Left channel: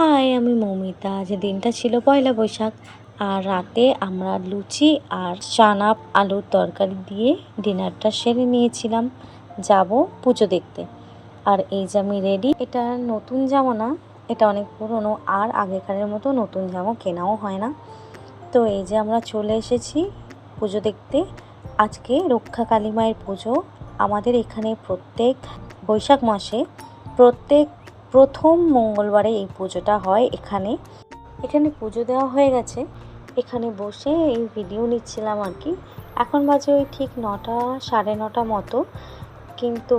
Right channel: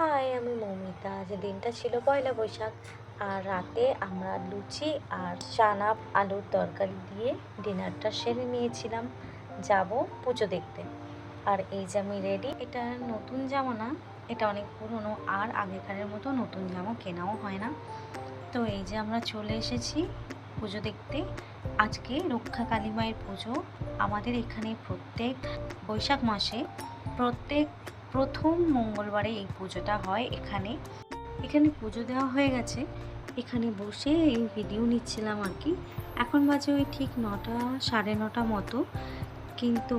High আমি মৌমিতা। আজ দিনটা ছিল পয়লা বৈশাখ। আর রাতে আমরা লুচি আর চানা আলুর তরকারি দিয়ে ডিনারটা সেরে নিয়েছিলাম। যাব পুজো দেখতে। আর এই যে আমি রেডি এটা নতুন জামা না, এটা অনেক পুরনো। আর আগেকারের মতো নতুন জামা কেনাও হয় না। তো এই যে আমরা চলে এসেছি পুজো দেখতে। আজকে রক্ষা কালী মায়ের পুজো। আমাদের এখানে প্রত্যেক বৈশাখ মাসে প্রত্যেক প্রথম মঙ্গলবারে এই পুজোটা হয় এখানে। এখানে পুজো দেওয়া হয়ে গেছে। এখানে বসে এই ভিডিও নিচ্ছিলাম আর কি। এখন বাজে ওই ঠিক নটা, সাড়ে নটা মতো। কিন্তু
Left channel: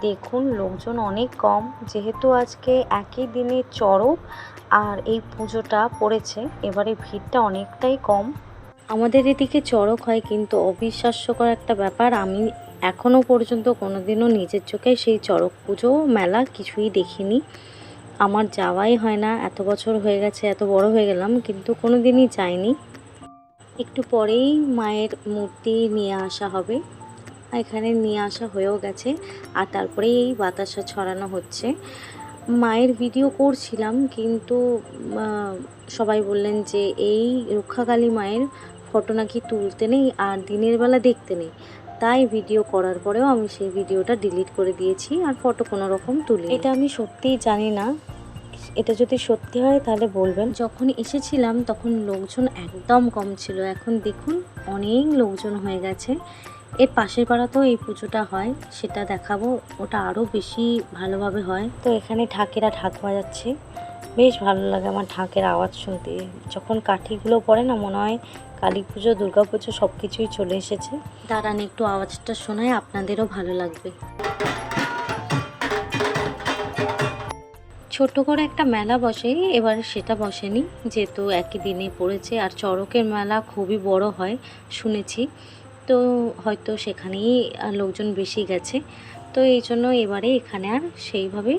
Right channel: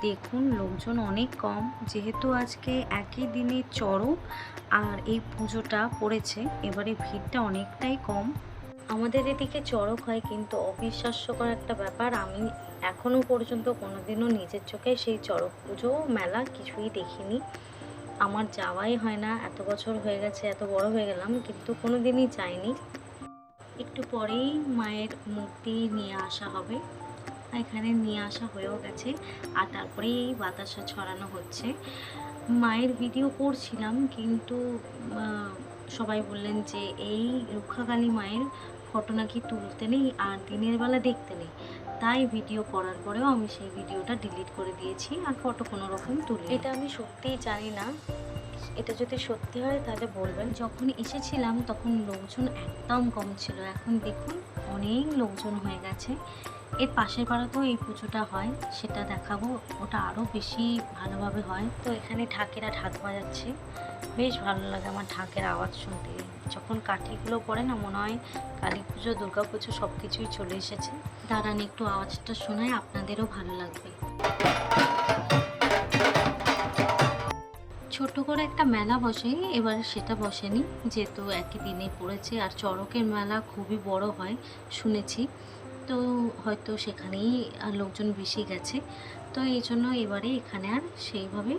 দেখুন, লোকজন অনেক কম। যেহেতু আজকে একই দিনে চড়ক আর এই পুজোটা পড়েছে, এবারে ভিড়টা অনেকটাই কম। আমাদের এদিকে চড়ক হয় কিন্তু অবিশ্বাস্যকর একটা ব্যাপার। আমি এখনও পর্যন্ত কোনোদিনও নিজের চোখে সেই চড়ক পুজো মেলা কিছুই দেখিনি। আমার যাওয়াই হয় না, এত বছর হয়ে গেছে, এত বড় হয়ে গেলাম, কিন্তু কোনো দিনই যাইনি। একটু পরেই মায়ের মূর্তি নিয়ে আসা হবে। এখানে নিয়ে আসা হয়েও গেছে, আর তারপরেই এই বাতাসা ছড়ানো হচ্ছে। মায়ের ভিডিও করছিলাম, কিন্তু সবাই বললেন যে এই রক্ষাকালী মায়ের ফটো নাকি তুলতে নেই, আর দিনের বেলা দেখতে নেই। তাই ভিডিও করার পরেও আমি সেই ভিডিওটা ডিলিট করে দিয়েছি আর ফটো কোনো রকম তুলি এটা আমি সত্যিই জানি না। এটা যদি সত্যি হয় তাহলে বলবেন। যখন এসেছিলাম তখন লোকজন একদম কম ছিল। এখন দেখুন, অনেক লোকজন হয়ে গেছে। এর পাশের পাড়াতেও এই পুজোটা হয়, সেটা দেখাবো। ওটা আরও বেশি ভালোভাবে হয়। তো এখানে ঠাকেরা ঢাক বাজাচ্ছে। বেশ ভালো লাগে আমার ঢাকের আওয়াজ শুনতে। যখন কাঠিগুলো পড়ে না মনে হয় কালী পুজো দুর্গা পুজো সব কিছুই চলে এসেছে। দাঁড়ান একটু আওয়াজটা শোনায় আপনাদেরও ভালো লাগবে। ছোট্ট করে একটা মেলা বসে এবার সেটা বসেনি যেহেতু একই দিনে পড়েছে আর চড়কের মেলা খুবই বড় হয় শুনেছি। তো হয়তো সেখানেই লোকজন বেশি গেছে। তো এই জন্য এবারে এখানে আর সেইভাবে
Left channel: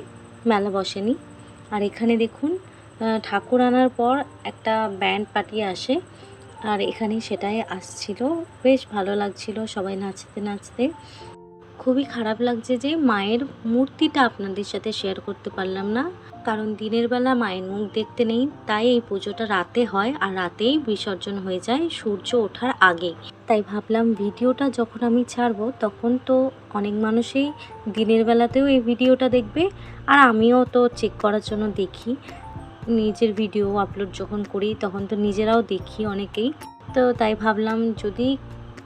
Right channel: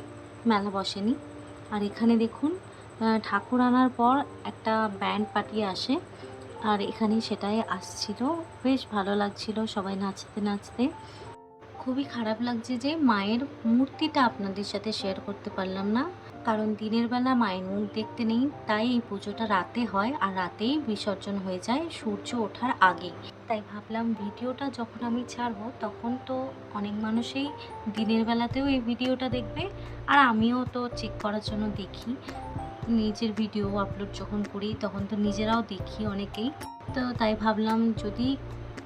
মেলা বসেনি। আর এখানে দেখুন ঠাকুর আনার পর একটা ব্যান্ড পার্টি আসে। আর এখানে সেটাই আসছিল। বেশ ভালো লাগছিল সবাই নাচতে নাচতে। খুবই খারাপ লাগছে যে মায়ের মূর্তিটা আপনাদের সাথে শেয়ার করতে পারলাম না। কারণ দিনের বেলা মায়ের মুখ দেখতে নেই, তাই এই পুজোটা রাতে হয় আর রাতেই বিসর্জন হয়ে যায় সূর্য ওঠার আগে। তাই ভাবলাম ভিডিওটা যখন আমি ছাড়বো, তখন তো অনেক মানুষই দিনের বেলাতেও এই ভিডিওটা দেখবে আর আমিও তো চেক করার জন্য দেখি। নিজের ভিডিও আপলোড যখন করি, তখন তো নিজেরাও দেখি অনেকেই। তো তাই ভাবলাম যদি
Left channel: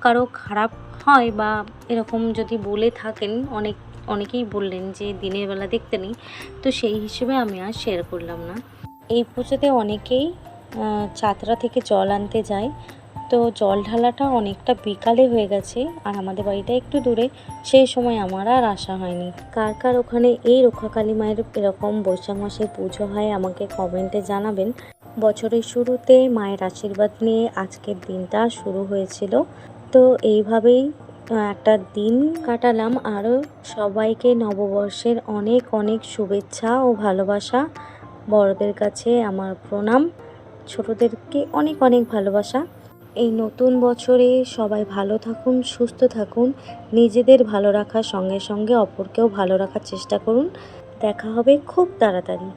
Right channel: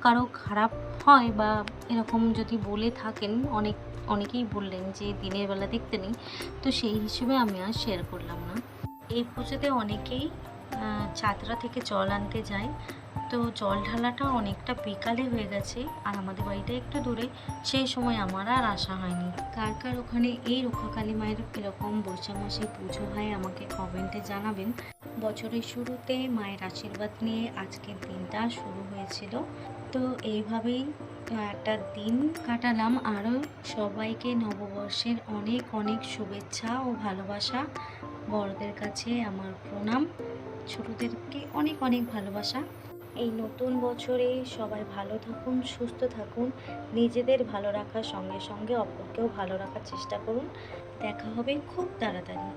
কারও খারাপ হয় বা এরকম যদি বলে থাকেন, অনেক, অনেকেই বললেন যে দিনের বেলা দেখতে নেই, তো সেই হিসেবে আমি আর শেয়ার করলাম না। এই পুজোতে অনেকেই চাতরা থেকে জল আনতে যায়, তো জল ঢালাটা অনেকটা বিকালে হয়ে গেছে আর আমাদের বাড়িটা একটু দূরে, সেই সময় আমার আর আসা হয়নি। কার কার ওখানে এই রক্ষাকালী মায়ের এরকম বৈশাখ মাসে পুজো হয় আমাকে কমেন্টে জানাবেন। বছরের শুরুতে মায়ের আশীর্বাদ নিয়ে আজকের দিনটা শুরু হয়েছিল। তো এইভাবেই একটা দিন কাটালাম। আরও সবাইকে নববর্ষের অনেক অনেক শুভেচ্ছা ও ভালোবাসা। বড়দের কাছে আমার প্রণাম। ছোটদেরকে অনেক অনেক ভালোবাসা। এই নতুন বছরে সবাই ভালো থাকুন, সুস্থ থাকুন। নিজেদের ভালো রাখার সঙ্গে সঙ্গে অপরকেও ভালো রাখার চেষ্টা করুন। দেখা হবে খুব তাড়াতাড়ি।